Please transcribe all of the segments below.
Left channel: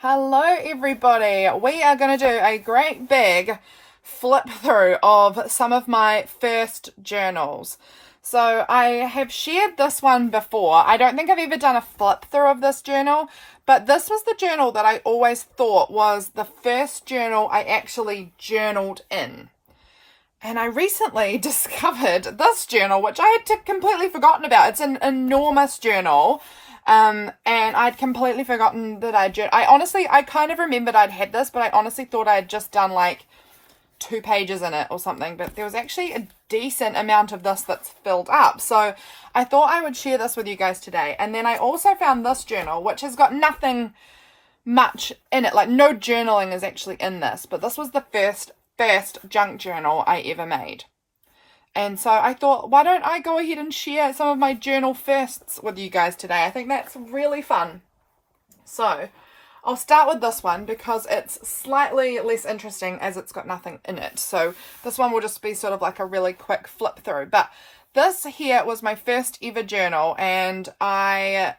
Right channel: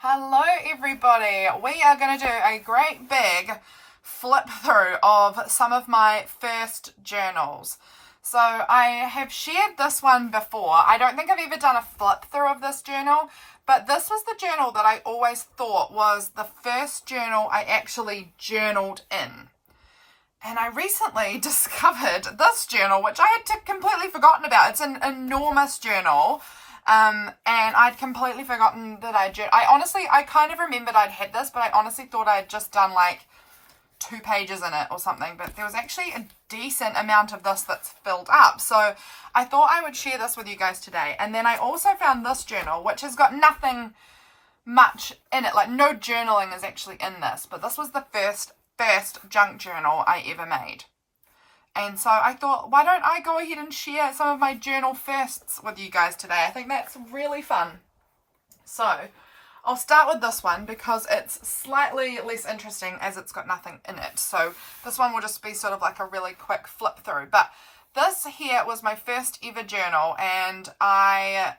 Hello everybody, we are going to do a great big flip through of some of my first journals. So I have shared this one before. I don't think I've ever done a flip through of this journal, but this was the journal that I always thought was the first journal I actually journaled in. And I recently discovered this journal, which I had completely forgotten about. It's an enormous journal. And I'd completely forgotten that I kind of remembered I'd had this, but I honestly thought I'd just done like 2 pages in it or something. But there was actually a decent amount of this that's filled up. So I thought I would share this with you guys today. And then I also found this journal, which has got nothing much in it. Like no journaling is actually in this, but this was the first junk journal I ever made. And so I thought, why don't I go ahead and share some of my journal firsts with you guys today? I think that's really fun. So I'll start with this one because it's slightly less interesting as it's got nothing in it. So this one will just be sort of like a really quick flip through. But this here was my first ever journal, and I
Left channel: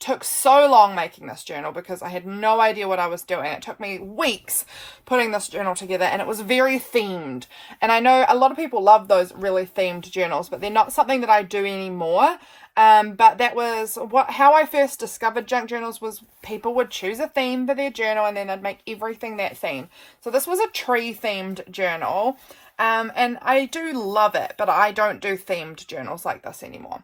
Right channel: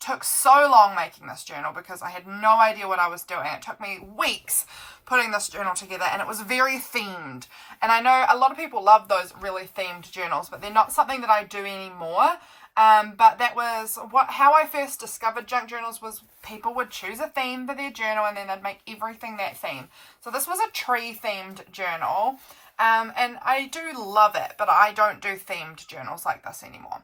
took so long making this journal because I had no idea what I was doing. It took me weeks putting this journal together, and it was very themed. And I know a lot of people love those really themed journals, but they're not something that I do anymore. But that was how I first discovered junk journals. Was people would choose a theme for their journal and then they'd make everything that theme. So this was a tree themed journal. And I do love it, but I don't do themed journals like this anymore.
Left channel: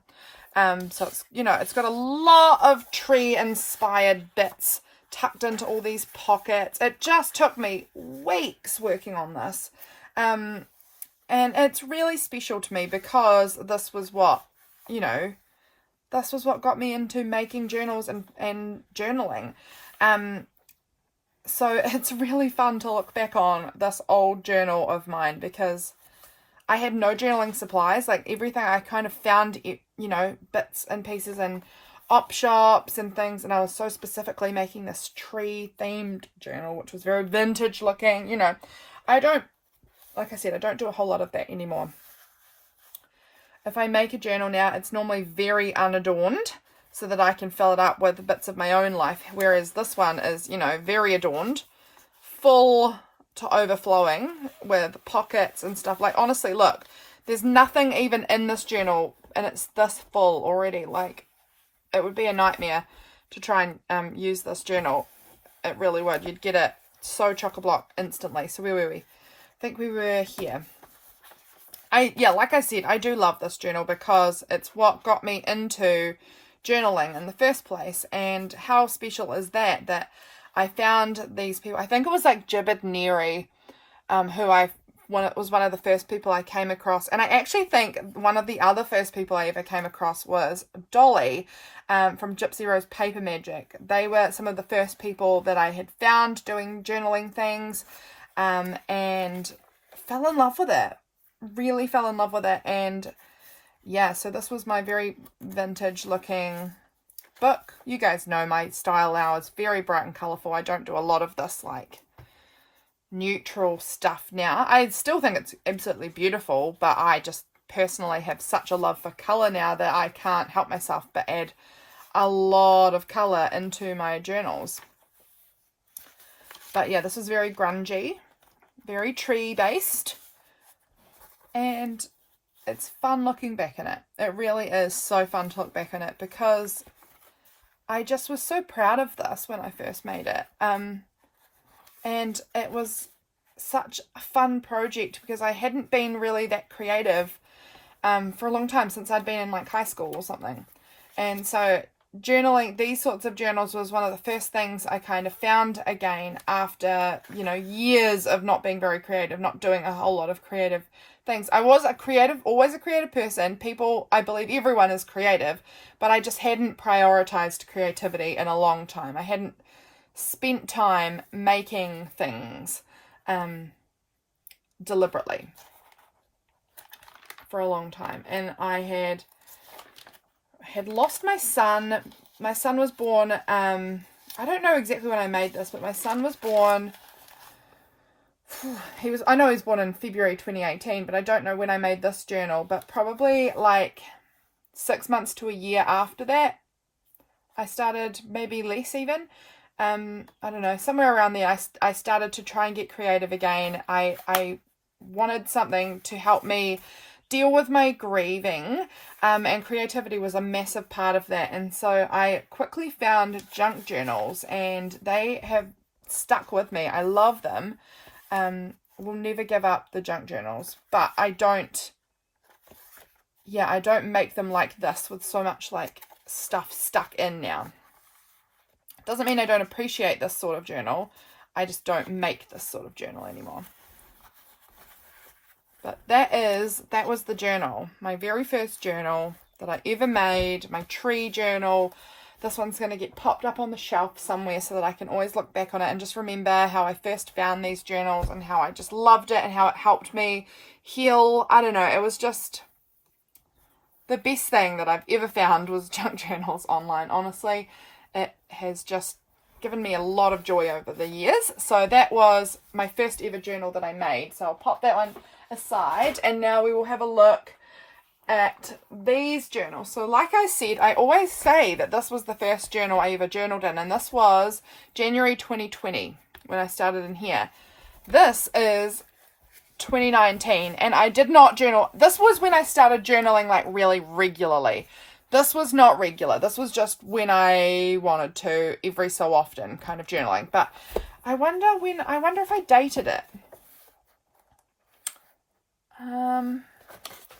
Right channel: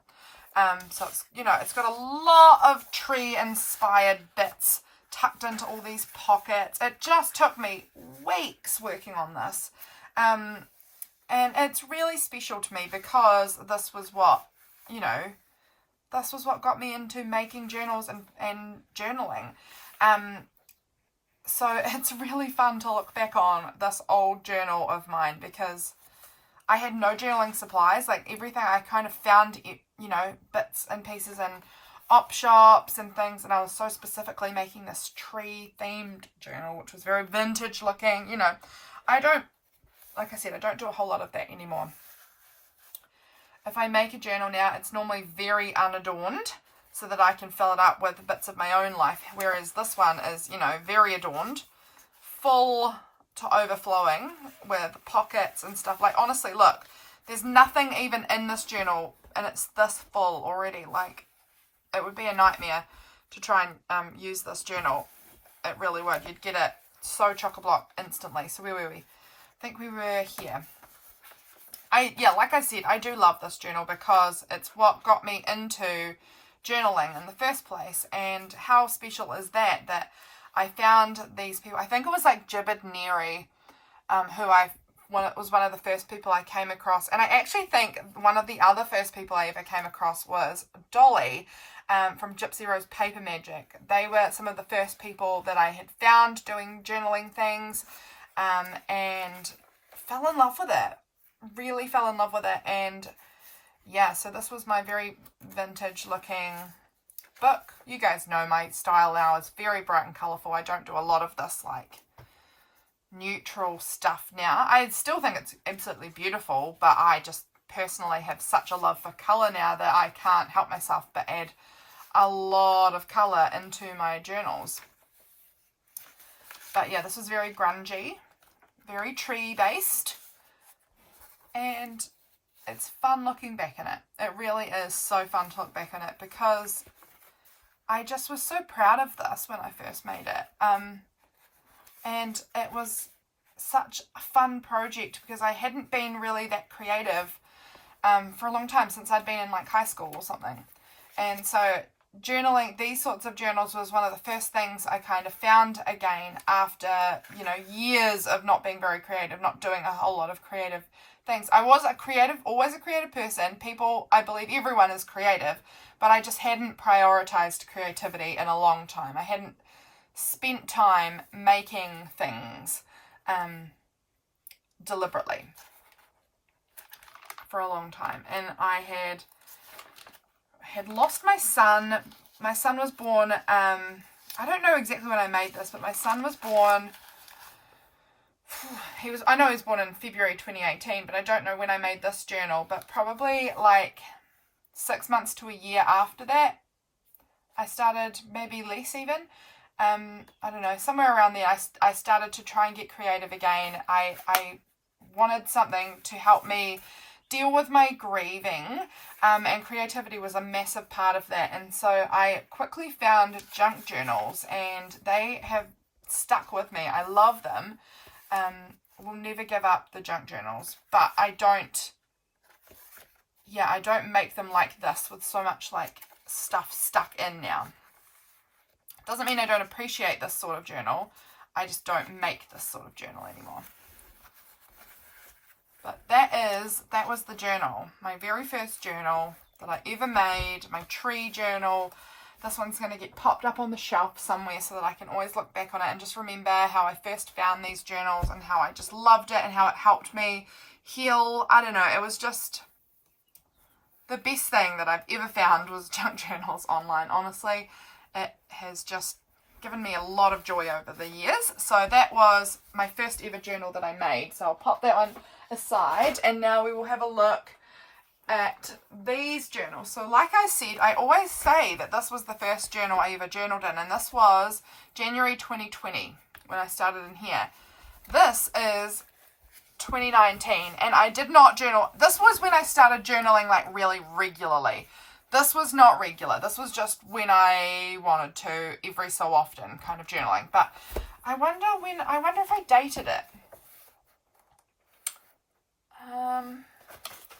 So it's, it's got a lot of tree inspired bits tucked into all these pockets. It just took me weeks working on this. And it's really special to me because this was what got me into making journals and journaling. So it's really fun to look back on this old journal of mine because I had no journaling supplies. Like everything I kind of found, bits and pieces in op shops and things. And I was so specifically making this tree themed journal, which was very vintage looking. I don't do a whole lot of that anymore. If I make a journal now, it's normally very unadorned so that I can fill it up with bits of my own life. Whereas this one is, very adorned, full to overflowing with pockets and stuff. Like honestly, look, there's nothing even in this journal and it's this full already. Like it would be a nightmare to try and use this journal. It really would. You'd get it so chock-a-block instantly. So where were we? I think we were here. Like I said, I do love this journal because it's what got me into journaling in the first place. And how special is that I found these people. I think it was like Jibbid Neri, was one of the first people I came across. And I actually think one of the other first people I ever came across was Dolly from Gypsy Rose Paper Magic. They were some of the first people that I had found doing journaling things, and fell in love with it. Really fell in love with it. And yeah, so this was my very vintage looking book. You guys know my style now is very bright and colourful. I don't do a lot of this like neutral stuff now. I still think it's absolutely beautiful, but I just personally have such a love for colour now that I can't help myself but add a lot of colour into my journals. But yeah, this is very grungy, very tree based, and it's fun looking back in it. It really is so fun to look back in it because I just was so proud of this when I first made it. And it was such a fun project because I hadn't been really that creative for a long time, since I'd been in like high school or something. And so journaling, these sorts of journals, was one of the first things I kind of found again after, years of not being very creative, not doing a whole lot of creative things. I was always a creative person. I believe everyone is creative, but I just hadn't prioritized creativity in a long time. I hadn't spent time making things deliberately for a long time. And I had lost my son. My son was born, I don't know exactly when I made this, but my son was born, I know he was born in February 2018, but I don't know when I made this journal, but probably like 6 months to a year after that, I started, maybe less even. I don't know, somewhere around there, I started to try and get creative again. I wanted something to help me deal with my grieving, and creativity was a massive part of that. And so I quickly found junk journals, and they have stuck with me. I love them. Will never give up the junk journals, but I don't make them like this with so much like stuff stuck in now. Doesn't mean I don't appreciate this sort of journal. I just don't make this sort of journal anymore. But that was the journal. My very first journal that I ever made. My tree journal. This one's going to get popped up on the shelf somewhere so that I can always look back on it and just remember how I first found these journals and how I just loved it and how it helped me heal. I don't know. It was just the best thing that I've ever found was junk journals online, honestly. It has just given me a lot of joy over the years. So that was my first ever journal that I made. So I'll pop that one aside, and now we will have a look at these journals. So like I said, I always say that this was the first journal I ever journaled in, and this was January 2020 when I started in here. This is 2019, and I did not journal. This was when I started journaling like really regularly. This was not regular. This was just when I wanted to, every so often kind of journaling. But I wonder if I dated it.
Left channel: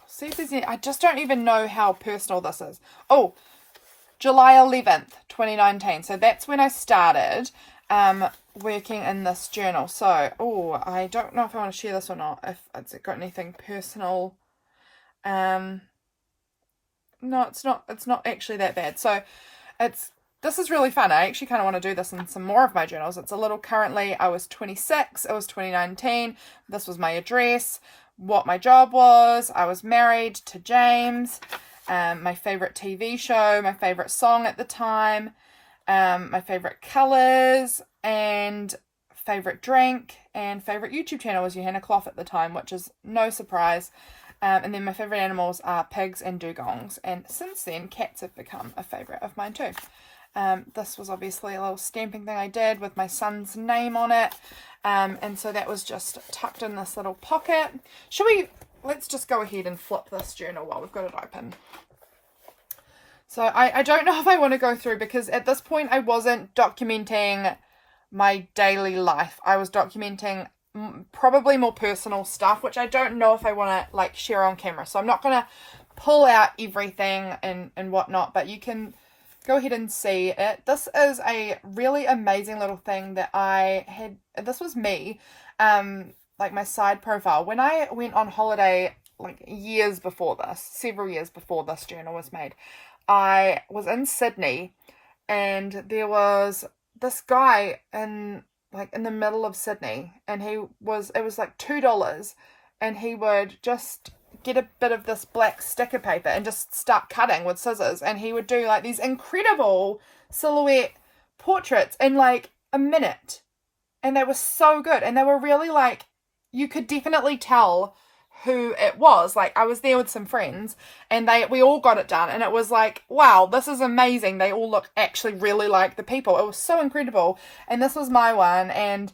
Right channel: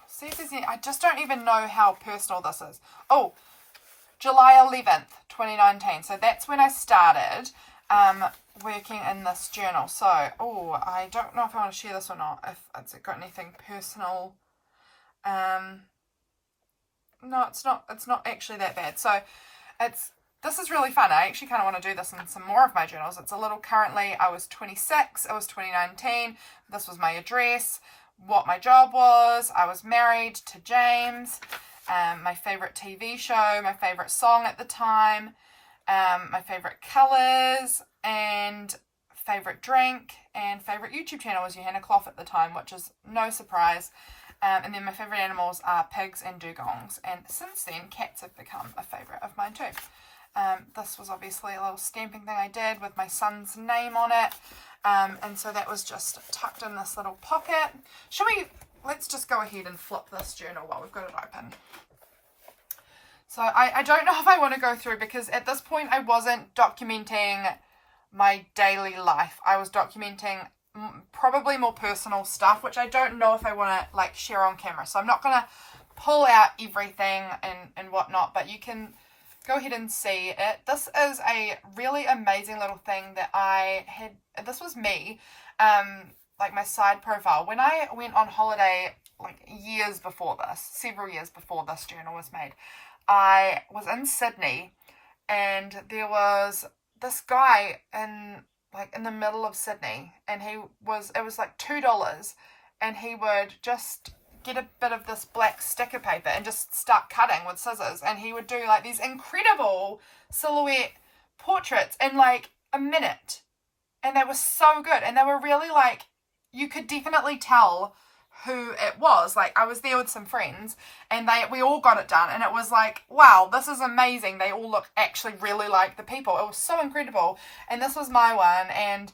See if there's any, I just don't even know how personal this is. Oh, July 11th, 2019. So that's when I started working in this journal. So, I don't know if I want to share this or not, if it's got anything personal. No, it's not actually that bad. So this is really fun. I actually kind of want to do this in some more of my journals. It's a little currently, I was 26, it was 2019, this was my address, what my job was, I was married to James, my favourite TV show, my favourite song at the time, my favourite colours, and favourite drink, and favourite YouTube channel was Johanna Clough at the time, which is no surprise. And then my favourite animals are pigs and dugongs. And since then, cats have become a favourite of mine too. This was obviously a little stamping thing I did with my son's name on it. And so that was just tucked in this little pocket. Let's just go ahead and flip this journal while we've got it open. So I don't know if I want to go through, because at this point I wasn't documenting my daily life. I was documenting probably more personal stuff, which I don't know if I want to like share on camera. So I'm not going to pull out everything and whatnot, but you can go ahead and see it. This is a really amazing little thing that I had. This was me, like my side profile. When I went on holiday, like several years before this journal was made, I was in Sydney, and there was this guy in the middle of Sydney, and it was like $2, and he would just get a bit of this black sticker paper and just start cutting with scissors, and he would do like these incredible silhouette portraits in like a minute, and they were so good, and they were really like, you could definitely tell who it was. Like, I was there with some friends, and we all got it done, and it was like, wow, this is amazing. They all look actually really like the people. It was so incredible. And this was my one. And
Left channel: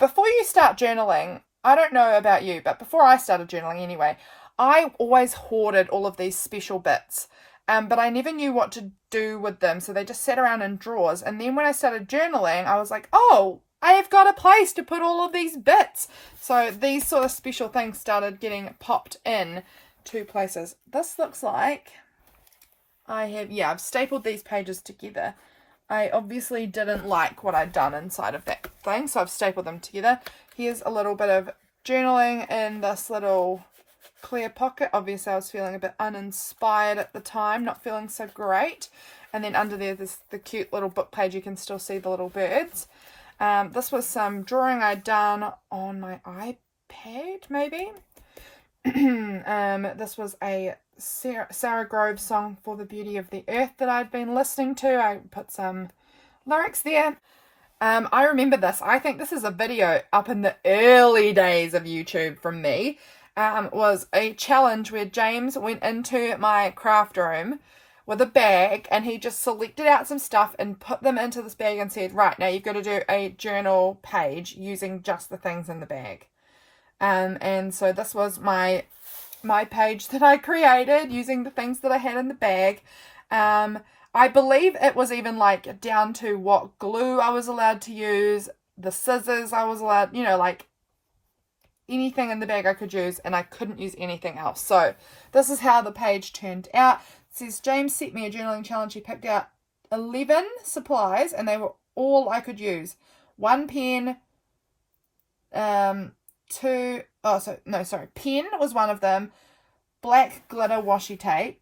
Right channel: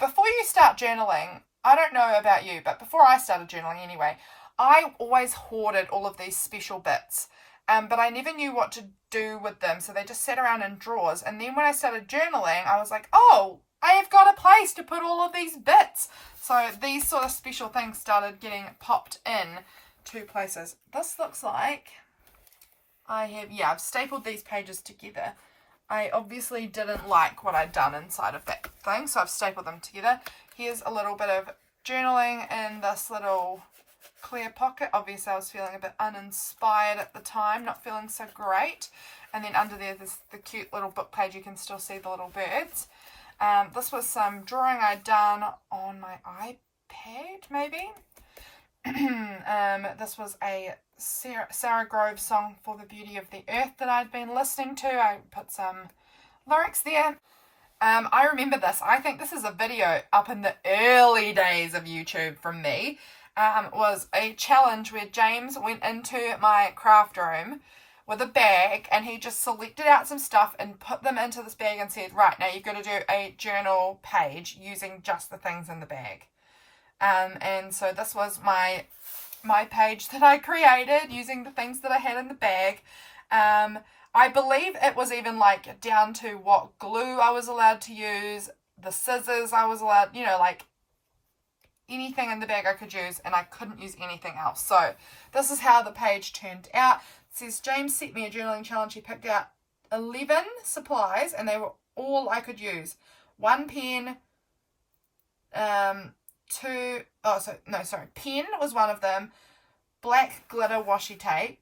before you start journaling, I don't know about you, but before I started journaling anyway, I always hoarded all of these special bits, but I never knew what to do with them, so they just sat around in drawers. And then when I started journaling, I was like, oh, I have got a place to put all of these bits. So these sort of special things started getting popped in to places. This looks like I've stapled these pages together. I obviously didn't like what I'd done inside of that thing, so I've stapled them together. Here's a little bit of journaling in this little clear pocket. Obviously I was feeling a bit uninspired at the time, not feeling so great. And then under there's the cute little book page. You can still see the little birds. This was some drawing I'd done on my iPad, maybe. This was a Sarah Grove song, For the Beauty of the Earth, that I'd been listening to. I put some lyrics there. I remember this. I think this is a video up in the early days of YouTube from me. Was a challenge where James went into my craft room with a bag, and he just selected out some stuff and put them into this bag and said, right, now you've got to do a journal page using just the things in the bag. And so this was my page that I created using the things that I had in the bag. I believe it was even like down to what glue I was allowed to use, the scissors I was allowed, you know, like anything in the bag I could use, and I couldn't use anything else. So this is how the page turned out. It says, James set me a journaling challenge. He picked out 11 supplies, and they were all I could use. One pen, pen was one of them, black glitter washi tape,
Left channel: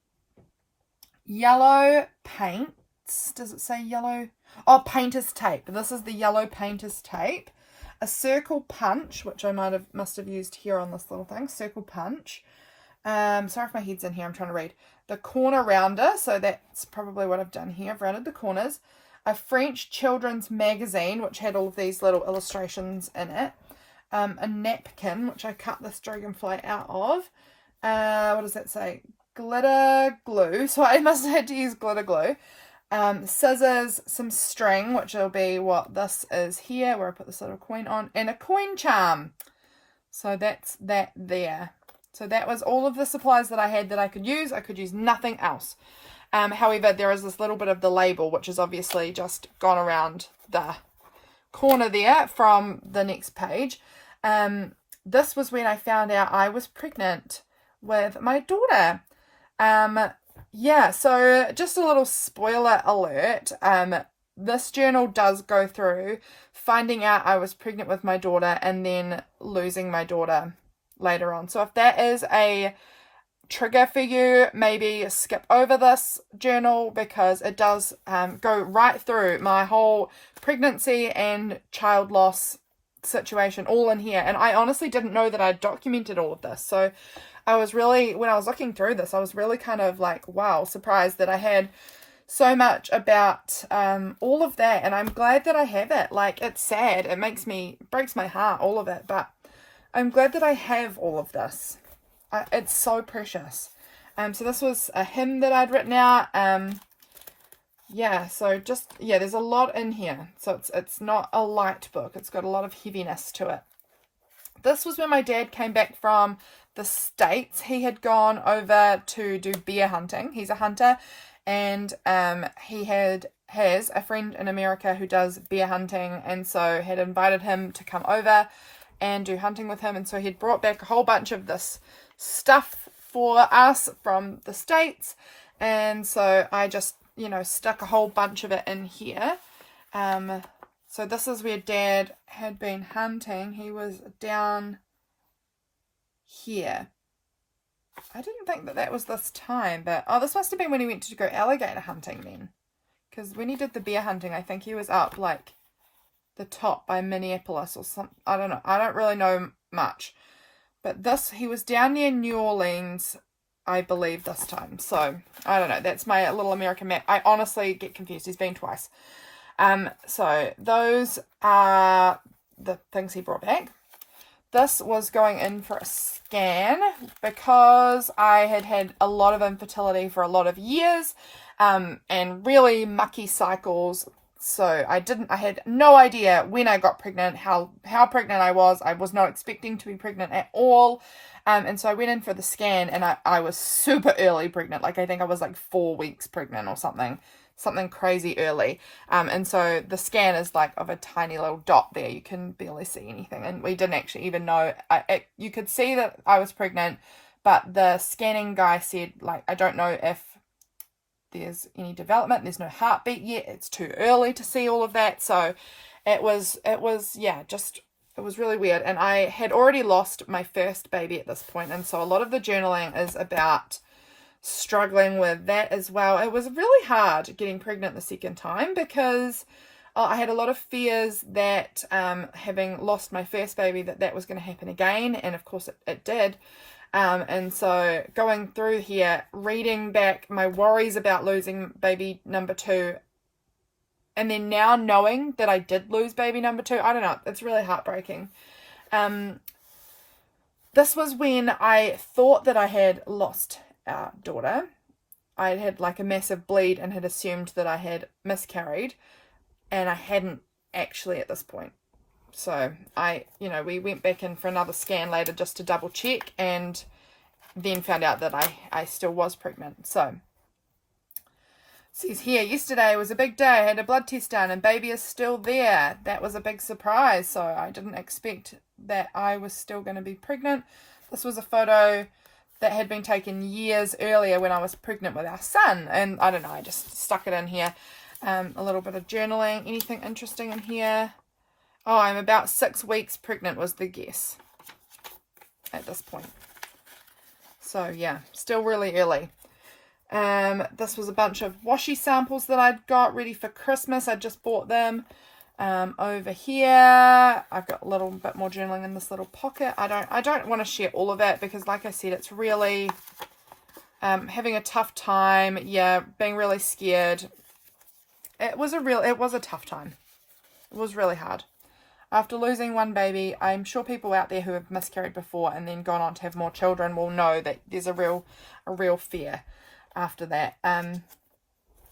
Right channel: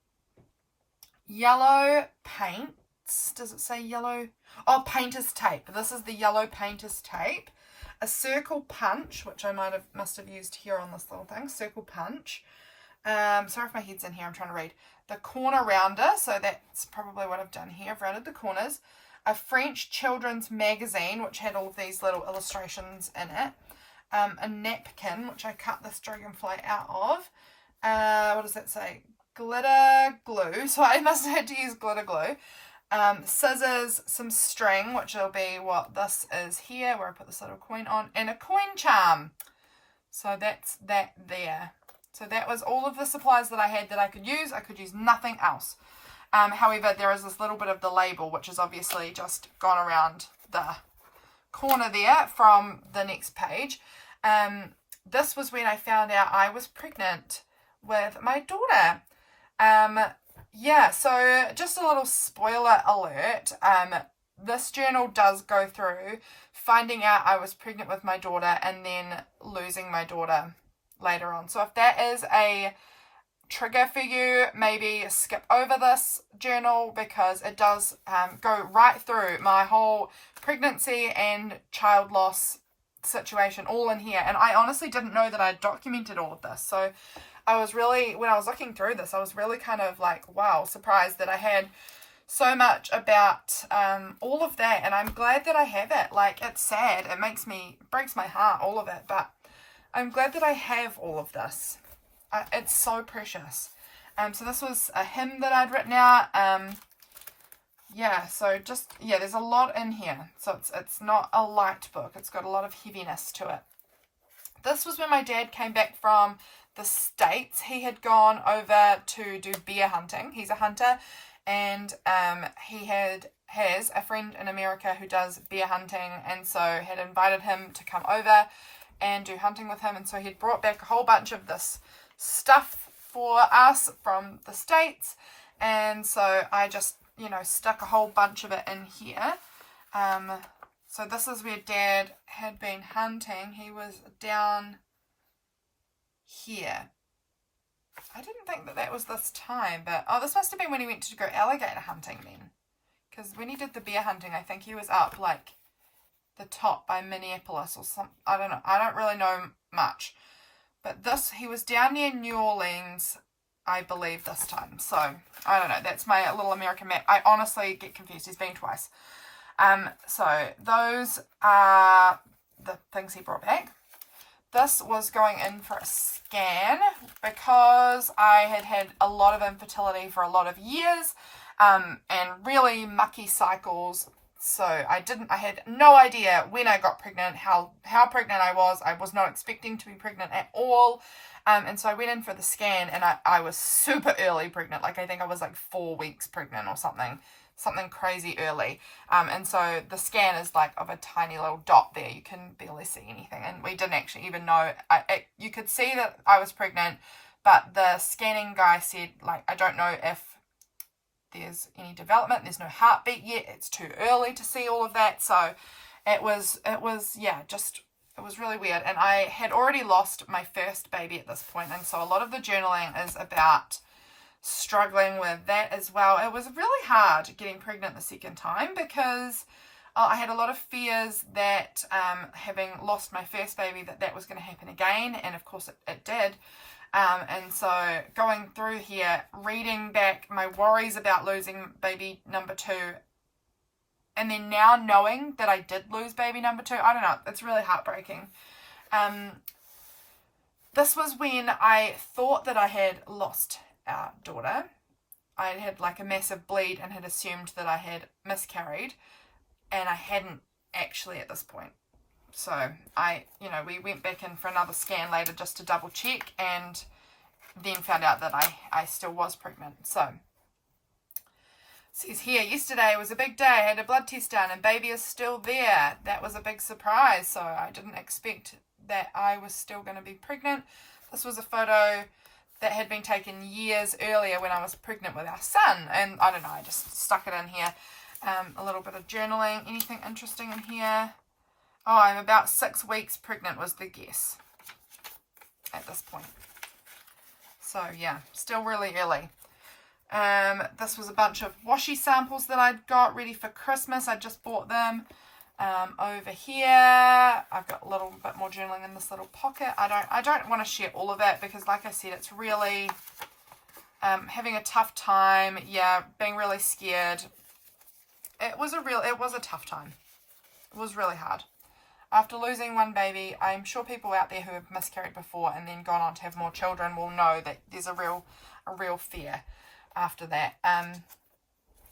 yellow paints, does it say yellow? Oh, painter's tape. This is the yellow painter's tape. A circle punch, which I must have used here on this little thing, circle punch. Sorry if my head's in here, I'm trying to read. The corner rounder, so that's probably what I've done here. I've rounded the corners. A French children's magazine, which had all of these little illustrations in it. A napkin, which I cut this dragonfly out of. What does that say? Glitter glue. So I must have had to use glitter glue. Scissors, some string, which will be what this is here, where I put this little coin on, and a coin charm. So that's that there. So that was all of the supplies that I had that I could use. I could use nothing else. However, there is this little bit of the label, which is obviously just gone around the corner there from the next page. This was when I found out I was pregnant with my daughter. Yeah, so just a little spoiler alert. This journal does go through finding out I was pregnant with my daughter and then losing my daughter later on. So if that is a trigger for you, maybe skip over this journal, because it does go right through my whole pregnancy and child loss situation all in here. And I honestly didn't know that I documented all of this. So I was really, when I was looking through this, I was really kind of like, wow, surprised that I had so much about all of that. And I'm glad that I have it. Like, it's sad. It breaks my heart, all of it. But I'm glad that I have all of this. It's so precious. So this was a hymn that I'd written out. There's a lot in here. So it's not a light book. It's got a lot of heaviness to it. This was when my dad came back from the States. He had gone over to do bear hunting. He's a hunter, and he has a friend in America who does bear hunting, and so had invited him to come over and do hunting with him. And so he'd brought back a whole bunch of this stuff for us from the States, and so I just, stuck a whole bunch of it in here. So this is where Dad had been hunting. He was down here. I didn't think that was this time, but this must have been when he went to go alligator hunting then, because when he did the bear hunting, I think he was up like the top by Minneapolis or something. I don't know. I don't really know much, but he was down near New Orleans, I believe, this time. So I don't know. That's my little American map. I honestly get confused. He's been twice. So those are the things he brought back. This was going in for a scan because I had a lot of infertility for a lot of years, and really mucky cycles. So I had no idea when I got pregnant, how pregnant I was. I was not expecting to be pregnant at all. And so I went in for the scan, and I was super early pregnant. Like, I think I was like 4 weeks pregnant or something crazy early. And so the scan is like of a tiny little dot there. You can barely see anything. And we didn't actually even know. You could see that I was pregnant, but the scanning guy said, like, I don't know if there's any development. There's no heartbeat yet. It's too early to see all of that. So it was really weird. And I had already lost my first baby at this point. And so a lot of the journaling is about struggling with that as well. It was really hard getting pregnant the second time because I had a lot of fears that having lost my first baby, that was going to happen again. And of course it did. And so going through here, reading back my worries about losing baby number 2, and then now knowing that I did lose baby number 2, I don't know, it's really heartbreaking. This was when I thought that I had lost our daughter. I had like a massive bleed and had assumed that I had miscarried, and I hadn't actually at this point. So we went back in for another scan later just to double check, and then found out that I still was pregnant. So it says here, yesterday was a big day. I had a blood test done and baby is still there. That was a big surprise. So I didn't expect that I was still going to be pregnant. This was a photo that had been taken years earlier when I was pregnant with our son. And I don't know, I just stuck it in here. A little bit of journaling. Anything interesting in here? Oh, I'm about 6 weeks pregnant was the guess at this point. So yeah, still really early. This was a bunch of washi samples that I'd got ready for Christmas. I just bought them. Over here, I've got a little bit more journaling in this little pocket. I don't want to share all of it because, like I said, it's really having a tough time. Yeah, being really scared. It was a tough time. It was really hard. After losing one baby, I'm sure people out there who have miscarried before and then gone on to have more children will know that there's a real fear after that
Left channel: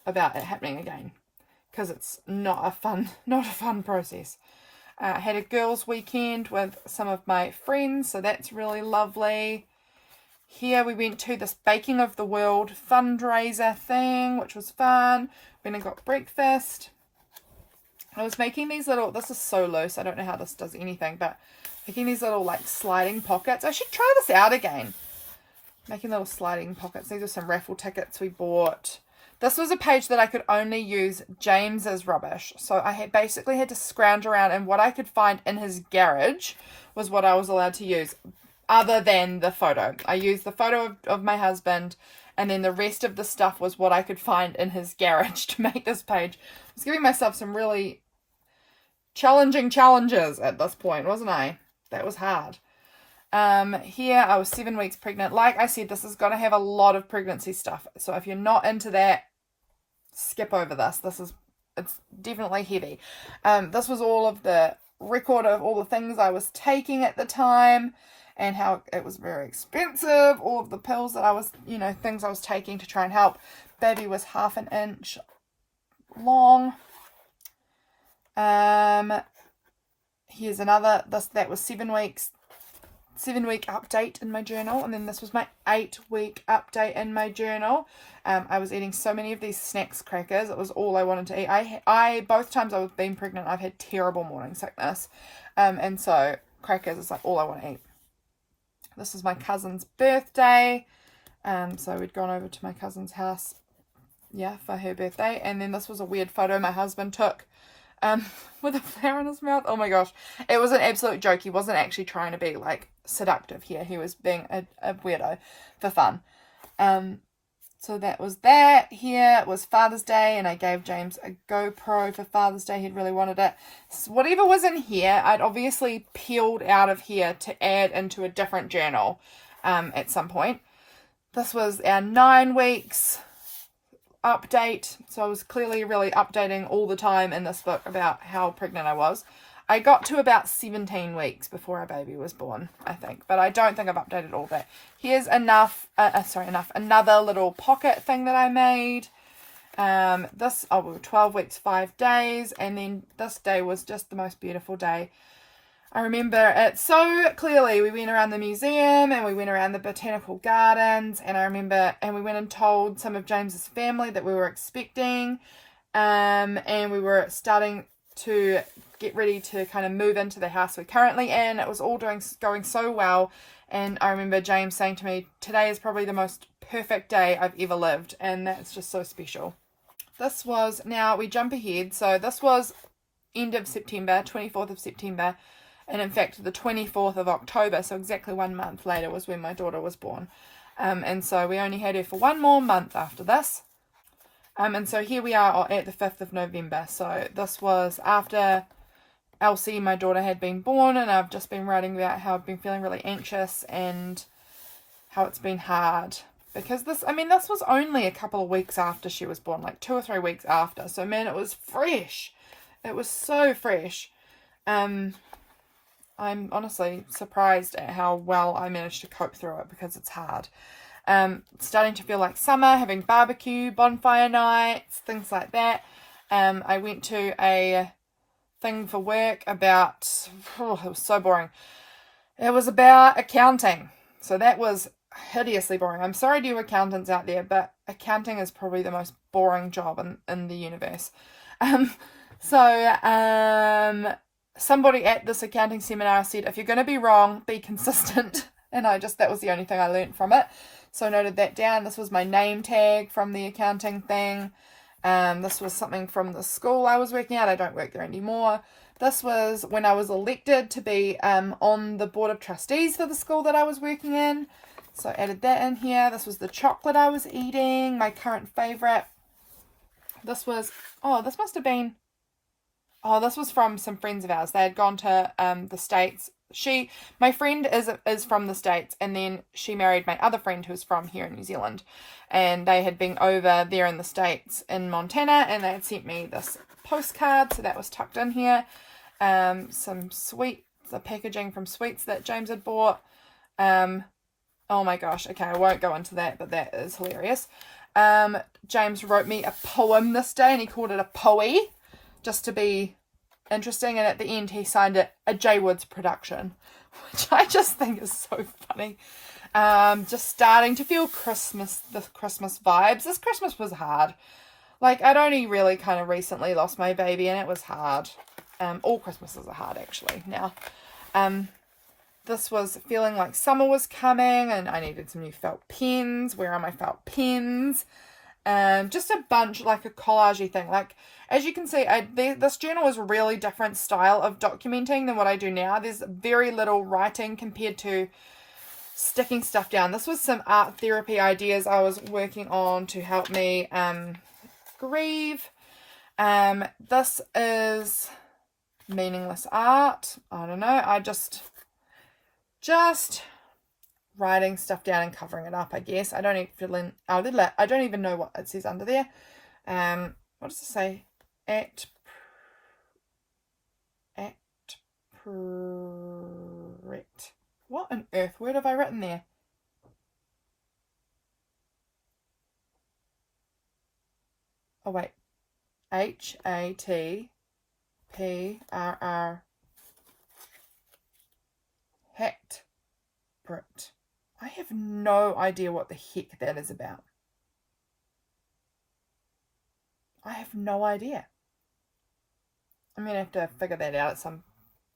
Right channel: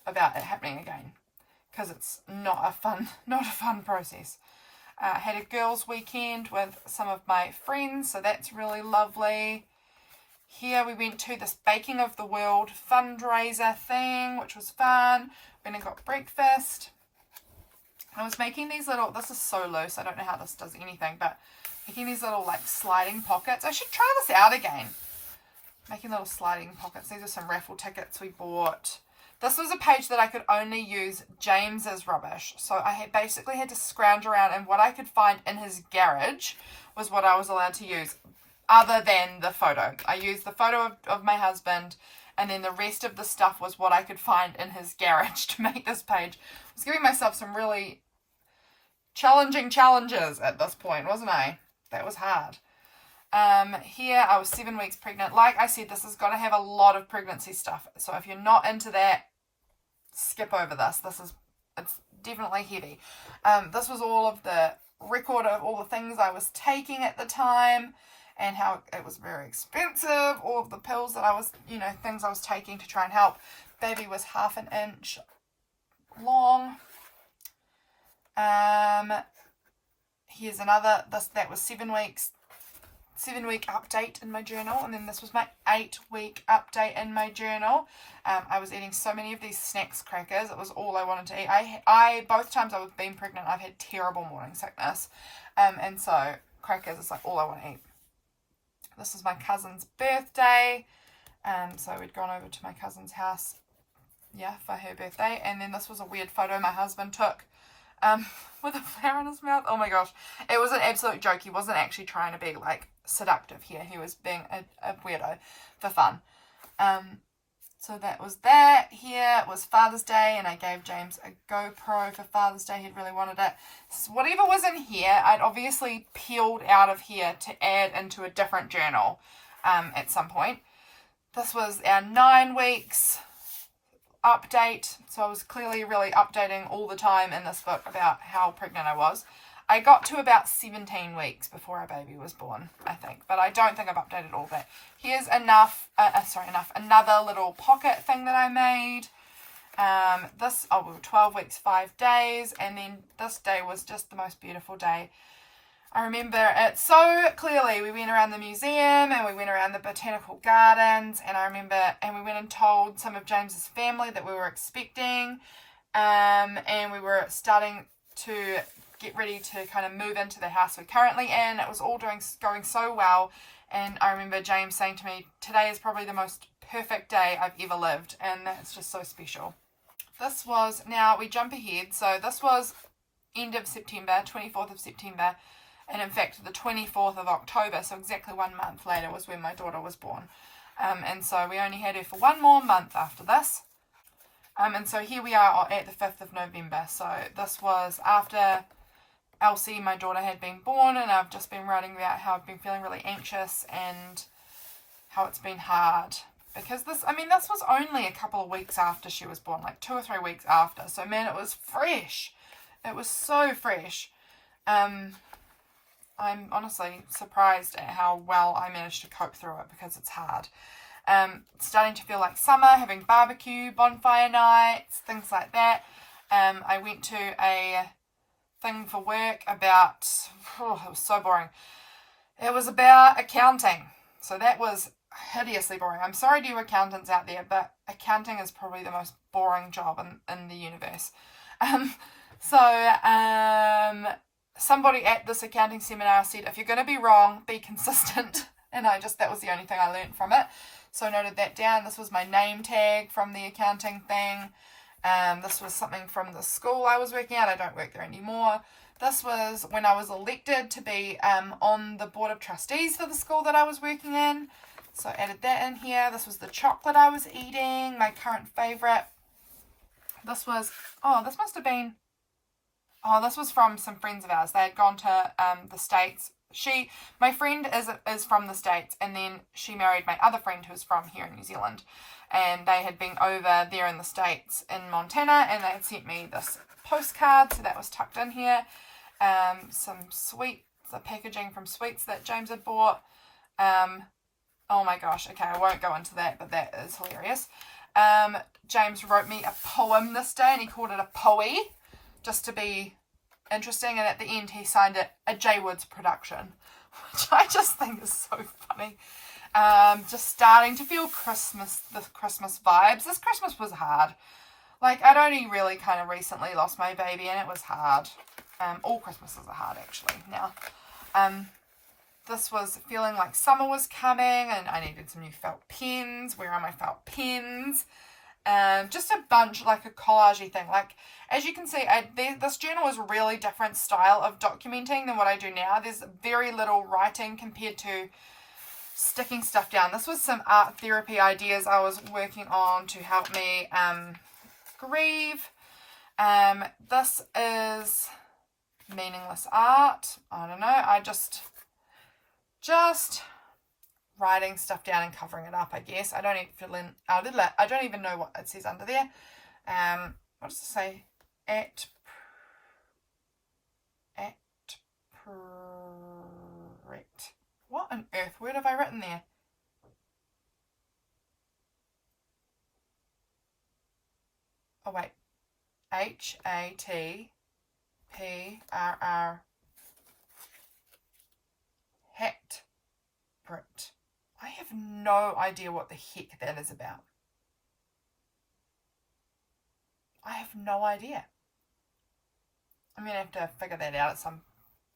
about it happening again, because it's not a fun process. I had a girls' weekend with some of my friends, so that's really lovely. Here we went to this Baking of the World fundraiser thing, which was fun. Went and got breakfast. I was making these little, this is so loose, I don't know how this does anything, but making these little like sliding pockets. I should try this out again. Making little sliding pockets. These are some raffle tickets we bought. This was a page that I could only use James's rubbish. So I basically had to scrounge around, and what I could find in his garage was what I was allowed to use, other than the photo. I used the photo of my husband, and then the rest of the stuff was what I could find in his garage to make this page. I was giving myself some really challenging challenges at this point, wasn't I? That was hard. Here I was 7 weeks pregnant. Like I said, this is going to have a lot of pregnancy stuff. So if you're not into that, skip over this. It's definitely heavy. This was all of the record of all the things I was taking at the time and how it was very expensive. All of the pills that I was, things I was taking to try and help. Baby was 1/2 inch long. Here's another, that was 7 weeks. 7-week update in my journal, and then this was my 8-week update in my journal. I was eating so many of these snacks crackers. It was all I wanted to eat. I both times I've been pregnant, I've had terrible morning sickness, and so crackers is like all I want to eat. This is my cousin's birthday, so we'd gone over to my cousin's house, for her birthday, and then this was a weird photo my husband took with a flower in his mouth. Oh my gosh, it was an absolute joke. He wasn't actually trying to be like seductive here. He was being a weirdo for fun. So that was that. Here was Father's Day, and I gave James a GoPro for Father's Day. He'd really wanted it. So whatever was in here, I'd obviously peeled out of here to add into a different journal at some point. This was our 9 weeks update. So I was clearly really updating all the time in this book about how pregnant I was. I got to about 17 weeks before our baby was born, I think, but I don't think I've updated all that. Here's another little pocket thing that I made. We were 12 weeks, 5 days, and then this day was just the most beautiful day. I remember it so clearly. We went around the museum and we went around the botanical gardens, and we went and told some of James's family that we were expecting, and we were starting to get ready to kind of move into the house we're currently in. It was all going so well, and I remember James saying to me, today is probably the most perfect day I've ever lived, and that's just so special. Now we jump ahead, so this was end of September, 24th of September, and in fact the 24th of October, so exactly 1 month later was when my daughter was born. And so we only had her for 1 more month after this. And so here we are at the 5th of November. So this was after Elsie, my daughter, had been born, and I've just been writing about how I've been feeling really anxious and how it's been hard. Because this was only a couple of weeks after she was born, like 2 or 3 weeks after. So man, it was fresh. It was so fresh. I'm honestly surprised at how well I managed to cope through it, because it's hard. starting to feel like summer, having barbecue, bonfire nights, things like that. I went to a thing for work about, it was so boring. It was about accounting. So that was hideously boring. I'm sorry to you accountants out there, but accounting is probably the most boring job in the universe. Somebody at this accounting seminar said, if you're going to be wrong, be consistent. And that was the only thing I learned from it. So I noted that down. This was my name tag from the accounting thing. This was something from the school I was working at. I don't work there anymore. This was when I was elected to be on the board of trustees for the school that I was working in. So I added that in here. This was the chocolate I was eating, my current favourite. This was, this was from some friends of ours. They had gone to the States. My friend is from the States, and then she married my other friend who's from here in New Zealand. And they had been over there in the States in Montana, and they had sent me this postcard, so that was tucked in here. Some sweets, the packaging from sweets that James had bought. Oh my gosh, okay, I won't go into that, but that is hilarious. James wrote me a poem this day, and he called it a poe, just to be interesting, and at the end he signed it a J Woods production, which I just think is so funny. Just starting to feel the Christmas vibes. This Christmas was hard. Like, I'd only really kind of recently lost my baby, and it was hard. All Christmases are hard, actually, now. This was feeling like summer was coming, and I needed some new felt pens. Where are my felt pens? Just a bunch, like a collage-y thing. Like, as you can see, this journal is a really different style of documenting than what I do now. There's very little writing compared to sticking stuff down. This was some art therapy ideas I was working on to help me grieve. This is meaningless art. I don't know. I just writing stuff down and covering it up, I guess. I don't even know what it says under there. What does it say? What on earth word have I written there? Oh wait. HATPRR. Het Brit. I have no idea what the heck that is about. I have no idea. I'm going to have to figure that out at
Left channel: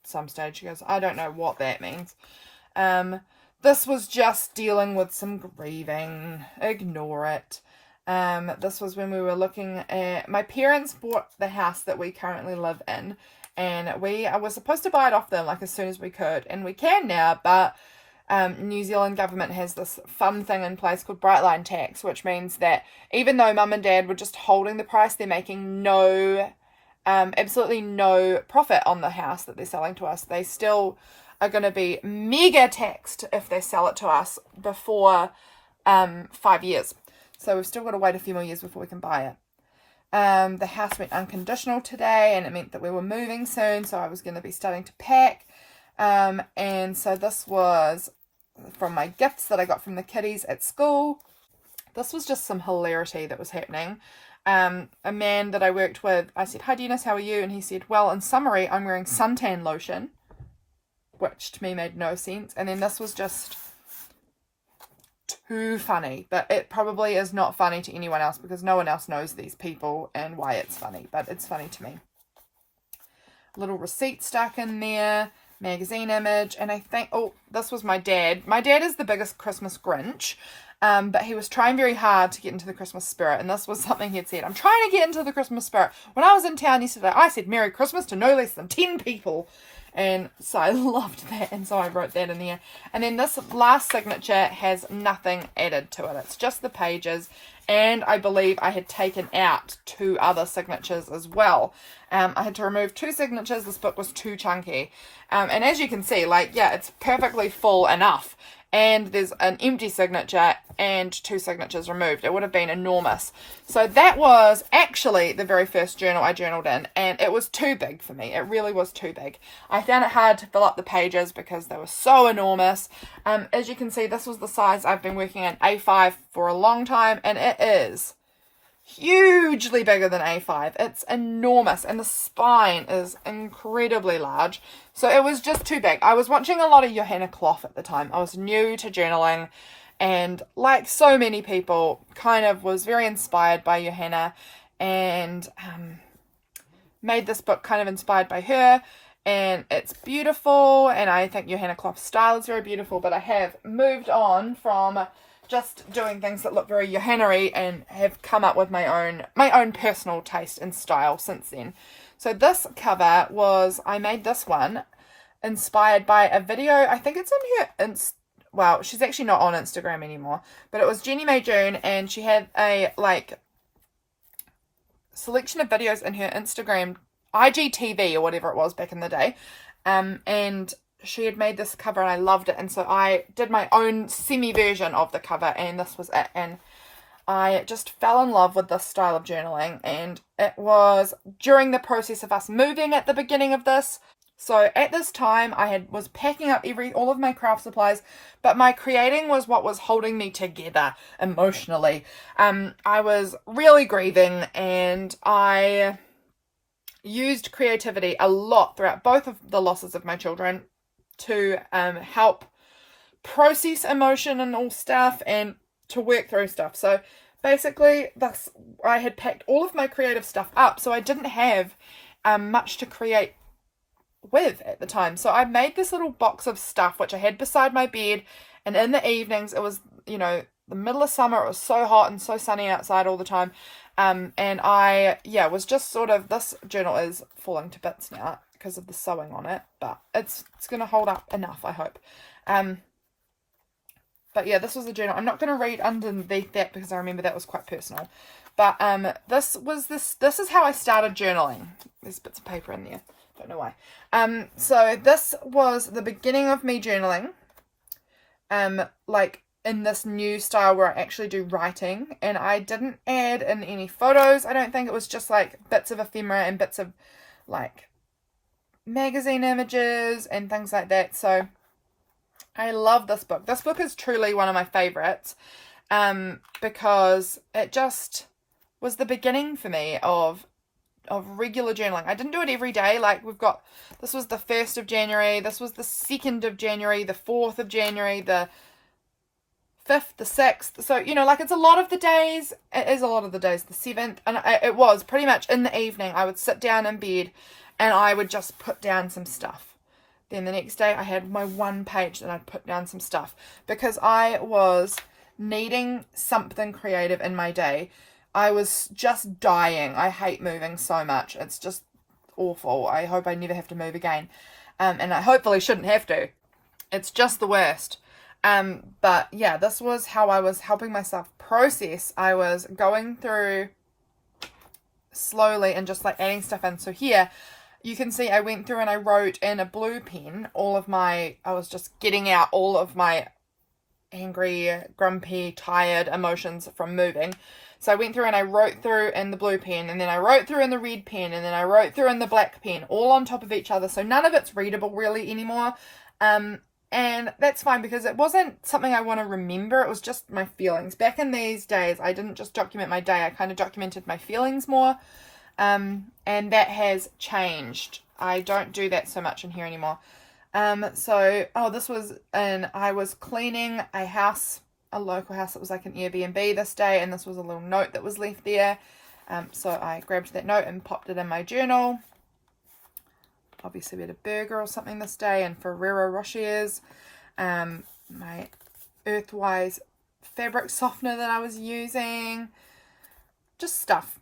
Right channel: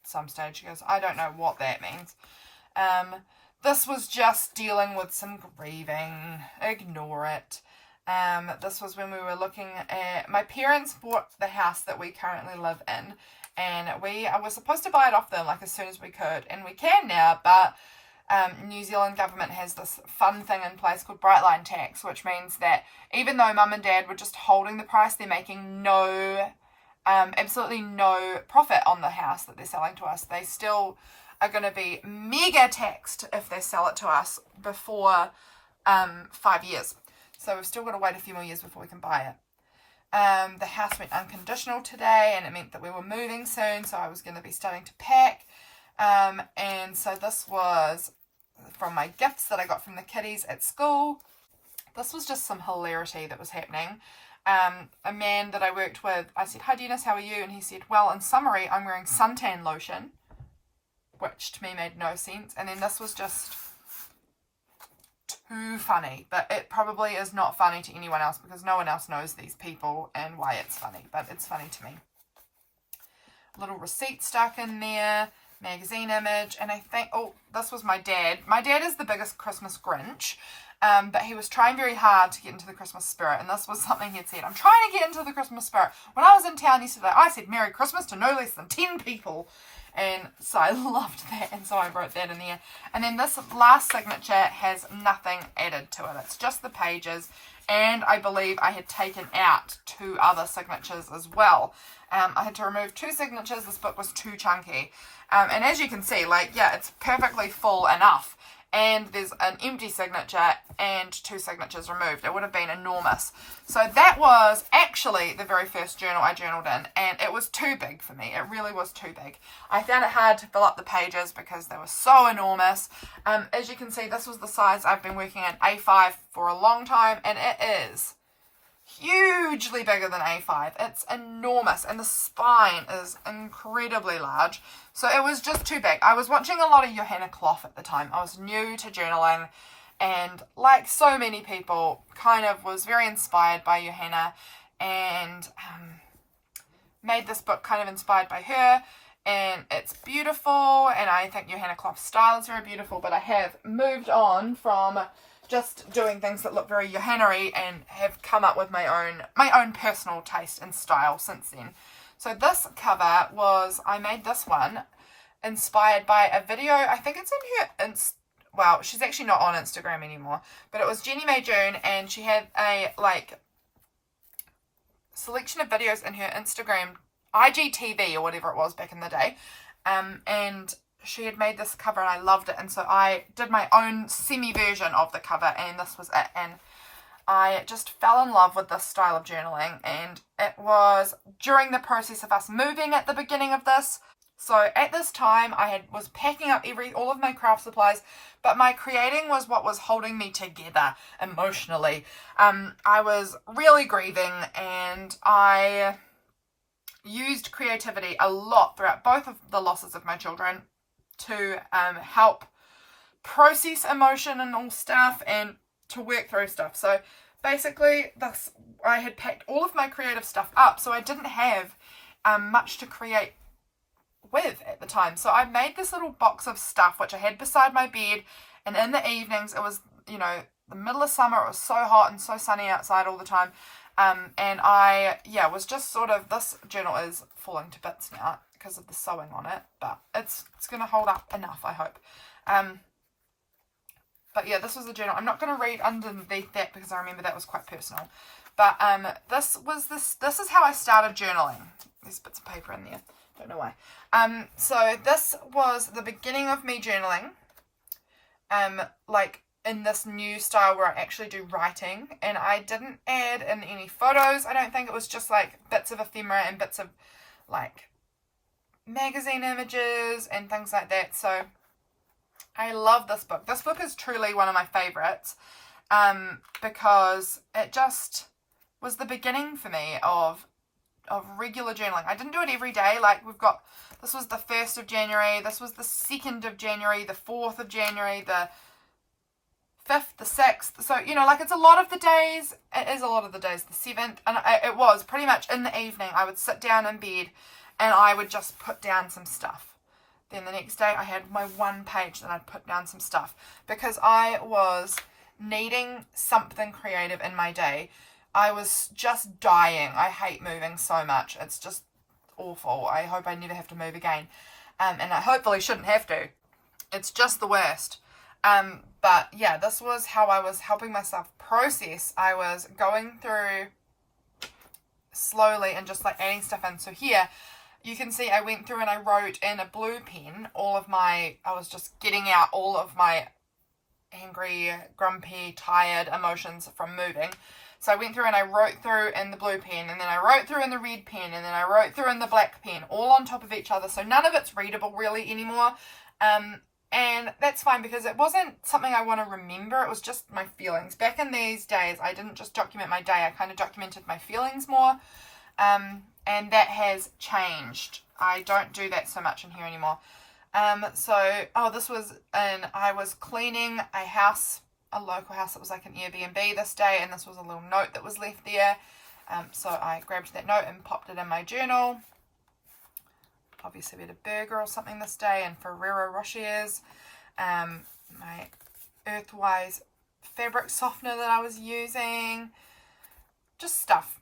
some stage. She goes, I don't know what that means. This was just dealing with some grieving. Ignore it. This was when we were looking at... My parents bought the house that we currently live in. And we were supposed to buy it off them like as soon as we could. And we can now, but... New Zealand government has this fun thing in place called bright line tax, which means that even though mum and dad were just holding the price, they're making absolutely no profit on the house that they're selling to us. They still are going to be mega taxed if they sell it to us before 5 years. So we've still got to wait a few more years before we can buy it. The house went unconditional today, and it meant that we were moving soon, so I was going to be starting to pack. And so this was from my gifts that I got from the kiddies at school. This was just some hilarity that was happening. A man that I worked with, I said, hi Dennis, how are you? And he said, well, in summary, I'm wearing suntan lotion, which to me made no sense. And then this was just too funny, but it probably is not funny to anyone else because no one else knows these people and why it's funny, but it's funny to me. A little receipt stuck in there. Magazine image, and I think, this was my dad. My dad is the biggest Christmas Grinch, but he was trying very hard to get into the Christmas spirit, and this was something he had said, I'm trying to get into the Christmas spirit. When I was in town yesterday, I said Merry Christmas to no less than 10 people, and so I loved that, and so I wrote that in there. And then this last signature has nothing added to it. It's just the pages, and I believe I had taken out 2 other signatures as well. I had to remove 2 signatures. This book was too chunky. And as you can see, it's perfectly full enough. and there's an empty signature and 2 signatures removed. It would have been enormous. So that was actually the very first journal I journaled in, and it was too big for me. It really was too big. I found it hard to fill up the pages because they were so enormous. As you can see, this was the size I've been working in, A5, for a long time, and it is hugely bigger than A5. It's enormous, and the spine is incredibly large. So it was just too big. I was watching a lot of Johanna Kloff at the time. I was new to journaling, and like so many people, kind of was very inspired by Johanna, and made this book kind of inspired by her. And it's beautiful, and I think Johanna Kloff's style is very beautiful, but I have moved on from just doing things that look very Johanna-y and have come up with my own personal taste and style since then. So this cover was, I made this one inspired by a video. I think it's in her well, she's actually not on Instagram anymore, but it was Jenny May June, and she had a selection of videos in her Instagram IGTV or whatever it was back in the day, and she had made this cover and I loved it, and so I did my own semi version of the cover, and this was it. And I just fell in love with this style of journaling, and it was during the process of us moving at the beginning of this. So at this time I was packing up all of my craft supplies, but my creating was what was holding me together emotionally. I was really grieving, and I used creativity a lot throughout both of the losses of my children to help process emotion and all stuff, and to work through stuff. So basically I had packed all of my creative stuff up, so I didn't have much to create with at the time. So I made this little box of stuff which I had beside my bed, and in the evenings, it was, the middle of summer, it was so hot and so sunny outside all the time, and I was just sort of, this journal is falling to bits now because of the sewing on it, but it's gonna hold up enough, I hope. But yeah, this was a journal. I'm not going to read underneath that because I remember that was quite personal. But this is how I started journaling. There's bits of paper in there. Don't know why. So this was the beginning of me journaling. Like in this new style where I actually do writing, and I didn't add in any photos. I don't think. It was just like bits of ephemera and bits of like magazine images and things like that. So I love this book. This book is truly one of my favorites, because it just was the beginning for me of regular journaling. I didn't do it every day. Like this was the 1st of January, this was the 2nd of January, the 4th of January, the 5th, the 6th. So, it's a lot of the days. It is a lot of the days, the 7th. And it was pretty much in the evening. I would sit down in bed and I would just put down some stuff. Then the next day I had my one page that I'd put down some stuff, because I was needing something creative in my day. I was just dying. I hate moving so much. It's just awful. I hope I never have to move again. And I hopefully shouldn't have to. It's just the worst. But yeah, this was how I was helping myself process. I was going through slowly and just like adding stuff in. So here you can see I went through and I wrote in a blue pen I was just getting out all of my angry, grumpy, tired emotions from moving. So I went through and I wrote through in the blue pen, and then I wrote through in the red pen, and then I wrote through in the black pen, all on top of each other. So none of it's readable really anymore. And that's fine, because it wasn't something I want to remember. It was just my feelings. Back in these days, I didn't just document my day. I kind of documented my feelings more. And that has changed. I don't do that so much in here anymore. This was I was cleaning a local house that was like an Airbnb this day, and this was a little note that was left there. So I grabbed that note and popped it in my journal. Obviously we had a burger or something this day, and Ferrero Rochers. My Earthwise fabric softener that I was using. Just stuff.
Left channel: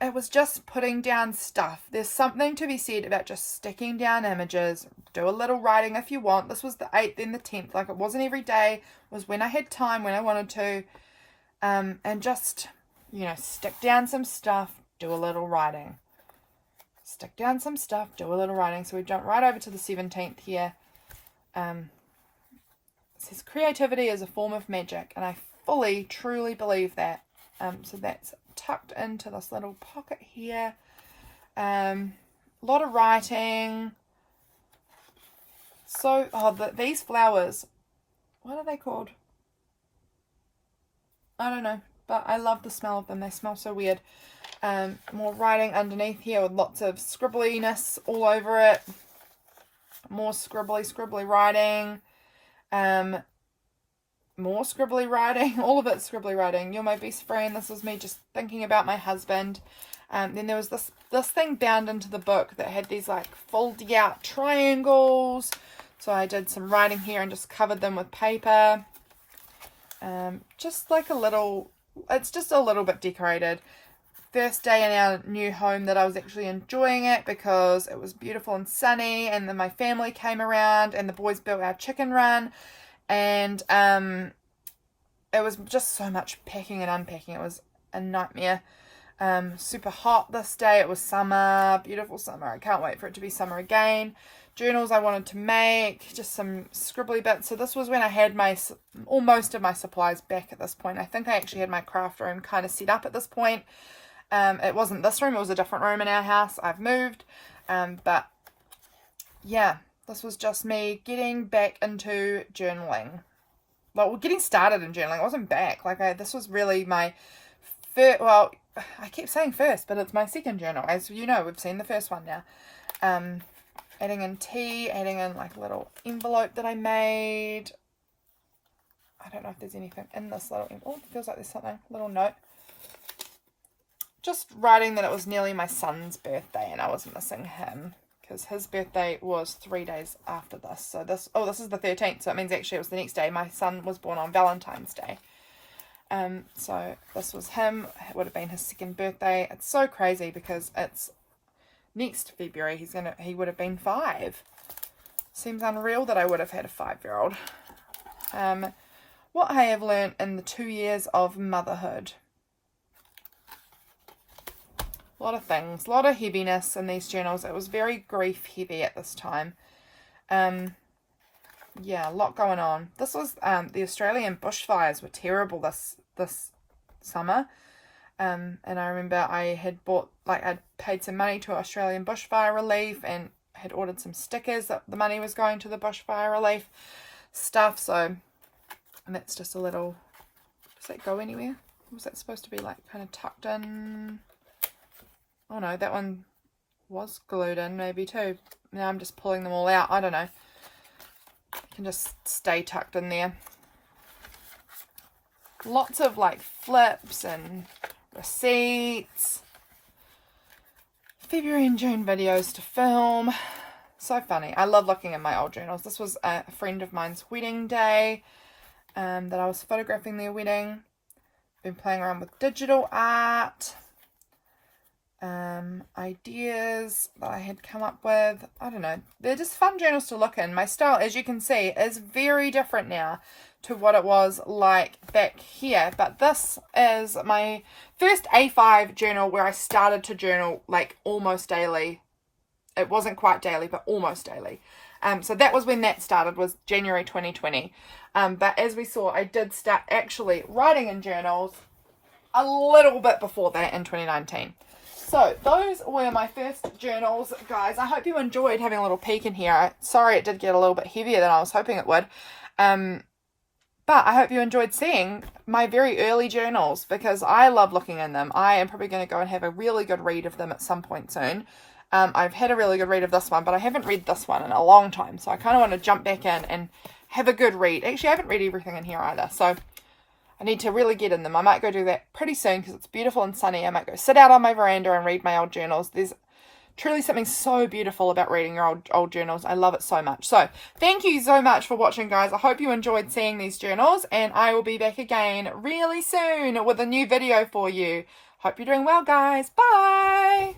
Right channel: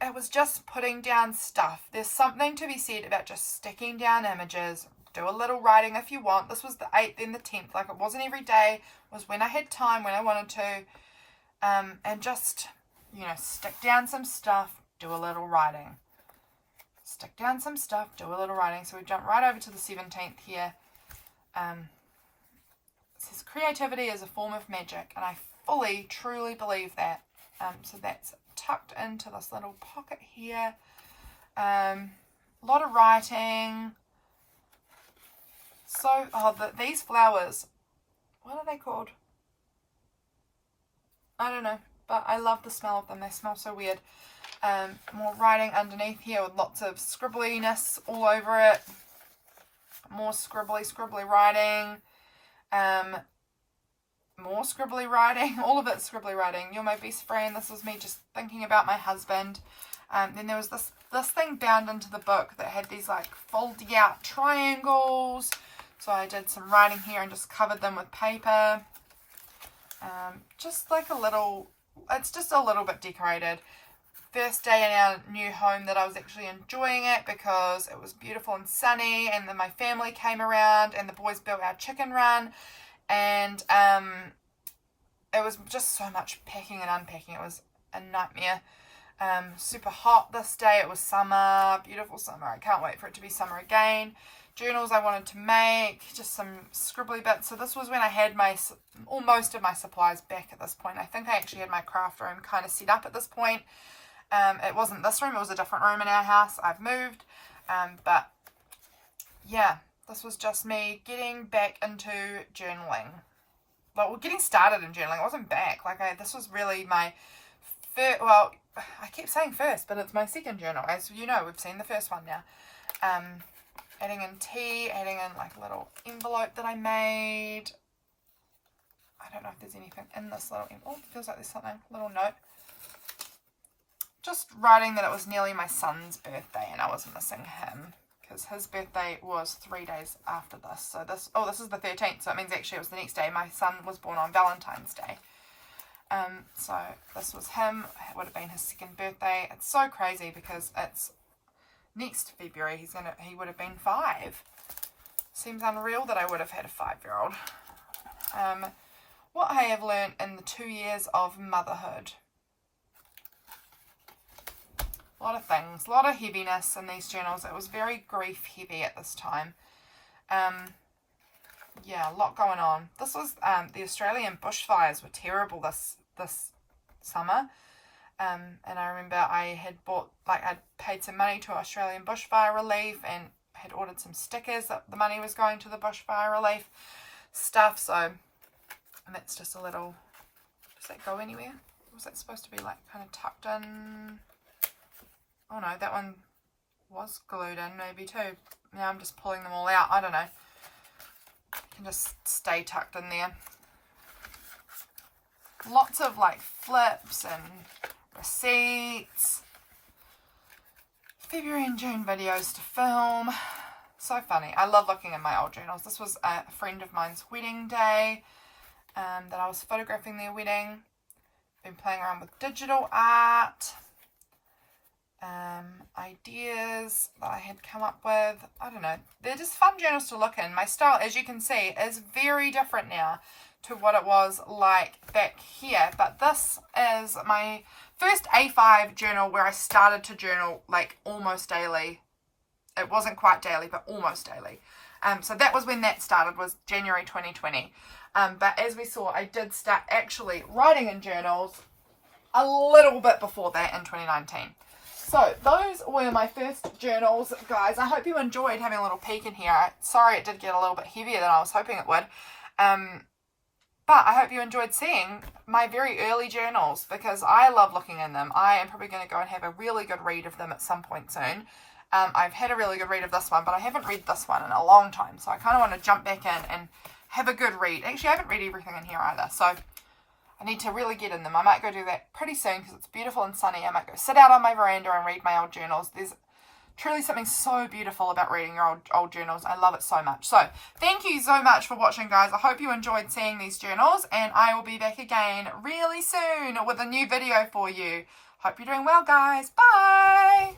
It was just putting down stuff. There's something to be said about just sticking down images. Do a little writing if you want. This was the 8th and the 10th. Like, it wasn't every day. It was when I had time, when I wanted to. And just, stick down some stuff, do a little writing. Stick down some stuff, do a little writing. So we jump right over to the 17th here. says creativity is a form of magic, and I fully, truly believe that. So that's tucked into this little pocket here. A lot of writing. So, these flowers, what are they called? I don't know, but I love the smell of them. They smell so weird. More writing underneath here with lots of scribbliness all over it. More scribbly writing. More scribbly writing. All of it scribbly writing. You're my best friend. This was me just thinking about my husband. Then there was this thing bound into the book that had these like folded out triangles. So I did some writing here and just covered them with paper. Just like a little, it's just a little bit decorated. First day in our new home that I was actually enjoying it because it was beautiful and sunny, and then my family came around and the boys built our chicken run, and it was just so much packing and unpacking. It was a nightmare. Super hot this day. It was summer, beautiful summer. I can't wait for it to be summer again. Journals I wanted to make, just some scribbly bits. So this was when I had most of my supplies back at this point. I think I actually had my craft room kind of set up at this point. It wasn't this room, it was a different room in our house. I've moved. But yeah, this was just me getting back into journaling. Well, getting started in journaling. I wasn't back. This was really my first, well, I keep saying first, but it's my second journal. As you know, we've seen the first one now. Adding in tea, adding in like a little envelope that I made. I don't know if there's anything in this little envelope. Oh, it feels like there's something, little note. Just writing that it was nearly my son's birthday and I was missing him because his birthday was 3 days after this. So this is the 13th, so it means actually it was the next day. My son was born on Valentine's Day. So this was him. It would have been his second birthday. It's so crazy because it's next February. He would have been 5. Seems unreal that I would have had a 5-year-old. What I have learned in the 2 years of motherhood. A lot of things, a lot of heaviness in these journals. It was very grief heavy at this time. Yeah, a lot going on. This was the Australian bushfires were terrible this summer. And I remember I had I'd paid some money to Australian bushfire relief and had ordered some stickers that the money was going to the bushfire relief stuff. So, and that's just a little, does that go anywhere? Was that supposed to be like kind of tucked in? Oh no, that one was glued in maybe too. Now I'm just pulling them all out. I don't know. It can just stay tucked in there. Lots of like flips and receipts. February and June videos to film. So funny. I love looking at my old journals. This was a friend of mine's wedding day that I was photographing their wedding. Been playing around with digital art. Ideas that I had come up with. I don't know. They're just fun journals to look in. My style, as you can see, is very different now to what it was like back here. But this is my first A5 journal where I started to journal like almost daily. It wasn't quite daily, but almost daily. So that was when that started, was January 2020. But as we saw, I did start actually writing in journals a little bit before that in 2019. So those were my first journals, guys. I hope you enjoyed having a little peek in here. Sorry it did get a little bit heavier than I was hoping it would. But I hope you enjoyed seeing my very early journals because I love looking in them. I am probably going to go and have a really good read of them at some point soon. I've had a really good read of this one, but I haven't read this one in a long time. So I kind of want to jump back in and have a good read. Actually, I haven't read everything in here either. So I need to really get in them. I might go do that pretty soon because it's beautiful and sunny. I might go sit out on my veranda and read my old journals. There's truly something so beautiful about reading your old journals. I love it so much. So thank you so much for watching, guys. I hope you enjoyed seeing these journals, and I will be back again really soon with a new video for you. Hope you're doing well, guys. Bye.